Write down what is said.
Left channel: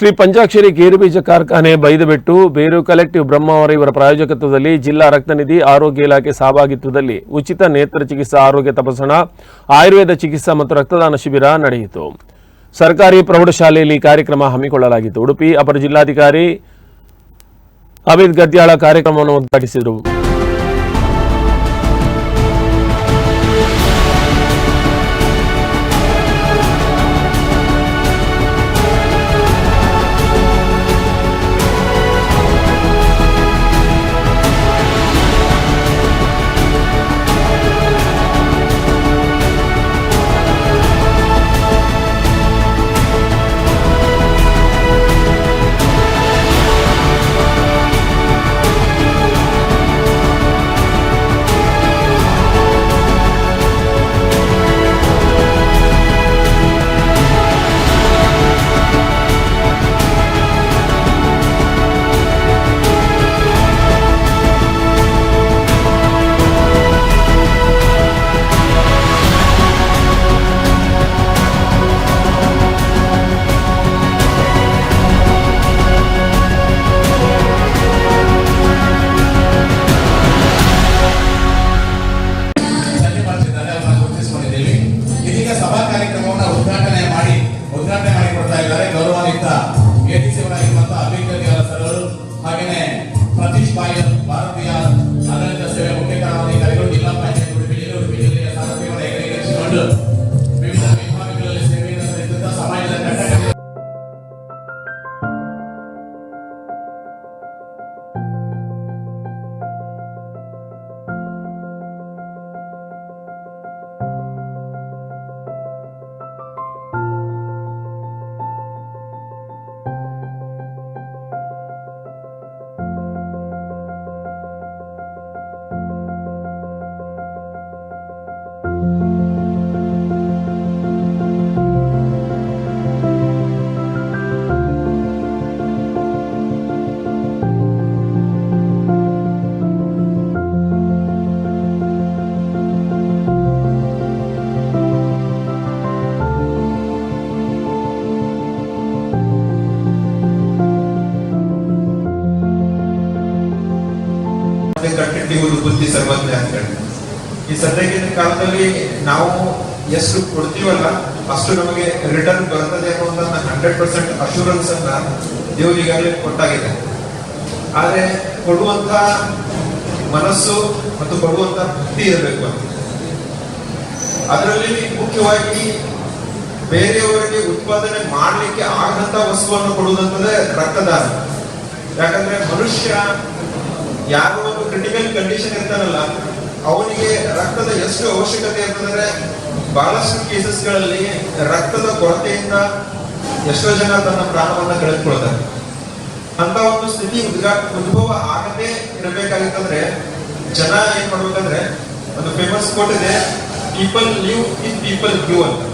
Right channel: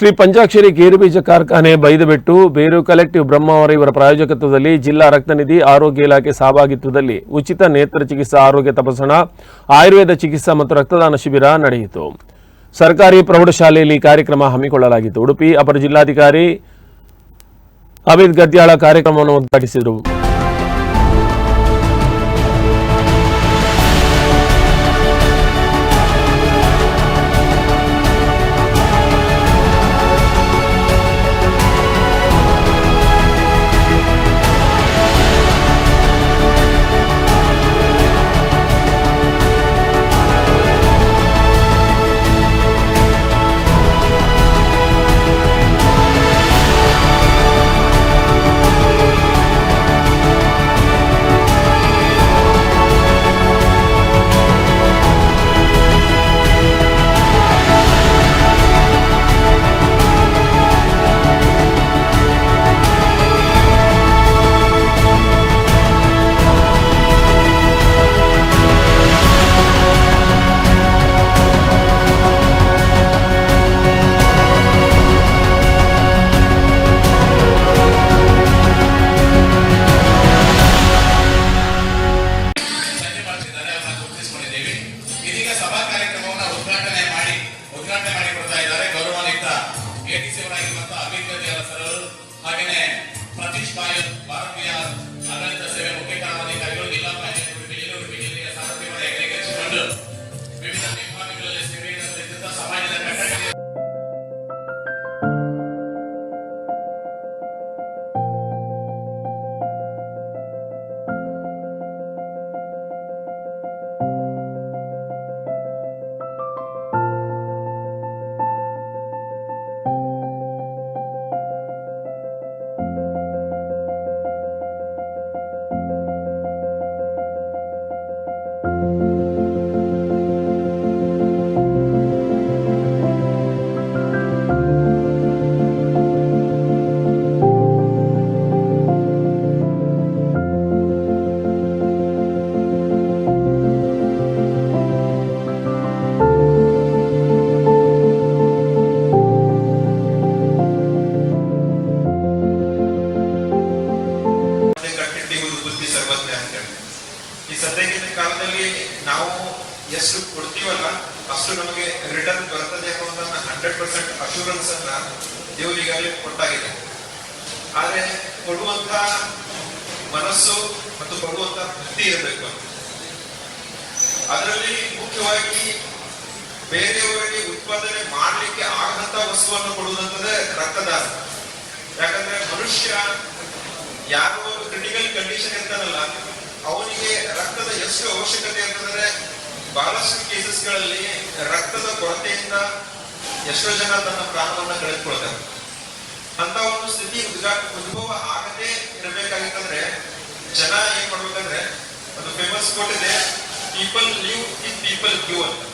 ಶ್ರೀ ಪಂಚಾಕ್ಷರಿ ಗೇರುಬೀಜ ಕಾರ್ಖಾನೆ ಬೈದುಬಿಟ್ಟು ಬೇರು ಕಲೆಕ್ಟಿವ್ ಬ್ರಹ್ಮಾವರ ಇವರ ಪ್ರಾಯೋಜಕತ್ವದಲ್ಲಿ ಜಿಲ್ಲಾ ರಕ್ತನಿಧಿ ಆರೋಗ್ಯ ಇಲಾಖೆ ಸಹಭಾಗಿತ್ವದಲ್ಲಿ ಉಚಿತ ನೇತ್ರ ಚಿಕಿತ್ಸಾ ಆರೋಗ್ಯ ತಪಾಸಣಾ, ಆಯುರ್ವೇದ ಚಿಕಿತ್ಸಾ ಮತ್ತು ರಕ್ತದಾನ ಶಿಬಿರ ನಡೆಯಿತು. ಸರ್ಕಾರಿ ಪ್ರೌಢಶಾಲೆಯಲ್ಲಿ ಕಾರ್ಯಕ್ರಮ ಹಮ್ಮಿಕೊಳ್ಳಲಾಗಿತ್ತು. ಉಡುಪಿ ಅಪರ ಜಿಲ್ಲಾಧಿಕಾರಿ ಅಮಿತ್ ಗದ್ಯಾಳ ಕಾರ್ಯಕ್ರಮವನ್ನು ಉದ್ಘಾಟಿಸಿದರು. ಒಂದು ಬುದ್ಧಿ ಸರ್ವಜ್ಞ ಅಂತ ಹೇಳಿ. ಈ ಸದ್ಯಕ್ಕಿನ ಕಾಲದಲ್ಲಿ ನಾವು ಎಷ್ಟು ಕೊಡ್ತೀವಲ್ಲ, ಅಷ್ಟು ನಮಗೆ ರಿಟರ್ನ್ ಬರ್ತದೆ ಅನ್ನೋದನ್ನ ಹಂಡ್ರೆಡ್ ಪರ್ಸೆಂಟ್ ಅಶೂರೆನ್ಸ್ ಅನ್ನ ದೇವರು ಈಗಾಗಲೇ ಕೊಟ್ಟಾಗಿದೆ. ಆದ್ರೆ ಕೊಡುವಂತ ಮನಸ್ಸು ಮತ್ತು ಕೊಡುವಂತ ಭಕ್ತಿ ಇರಬೇಕು ಅಂತ. ಅದರಲ್ಲಿ ಮುಖ್ಯವಾಗಿ ಬೇರೆಯವರಿಗೆ ಉತ್ಪಾದನೆ ಮಾಡಲಿಕ್ಕೆ ಆಗದಂತ ವಸ್ತುವನ್ನು ಕೊಡುವುದಂತಂದ್ರೆ ರಕ್ತದಾನ. ಯಾಕಂದ್ರೆ ಮನುಷ್ಯ ಯಾರೋ ಕ್ರಿಟಿಕಲ್ ಕಂಡೀಷನ್ ಇರ್ತಾನಲ್ಲ ಅವನಿಗೆ ರಕ್ತದ ಎಷ್ಟು ಅವಶ್ಯಕತೆ ಅಂತಂದ್ರೆ ಬಹಳಷ್ಟು ಕೇಸಸ್ಗಳಲ್ಲಿ ರಕ್ತದ ಕೊರತೆಯಿಂದ ಎಷ್ಟೋ ಜನ ತನ್ನ ಪ್ರಾಣವನ್ನ ಕಳೆದುಕೊಳ್ತಾರೆ. ಅಂತ ಒಂದು ಸ್ಥಿತಿ ಉದ್ಭವ ಆಗದೆ ಇರಬೇಕಾಗಿತ್ತಂದ್ರೆ ಜನ ಏನ್ ಮಾಡ್ಬೇಕಂದ್ರೆ, ಒಂದು ಫೇಮಸ್ ಕೋಟ್ ಇದೆ people live in people give ಅಂತ.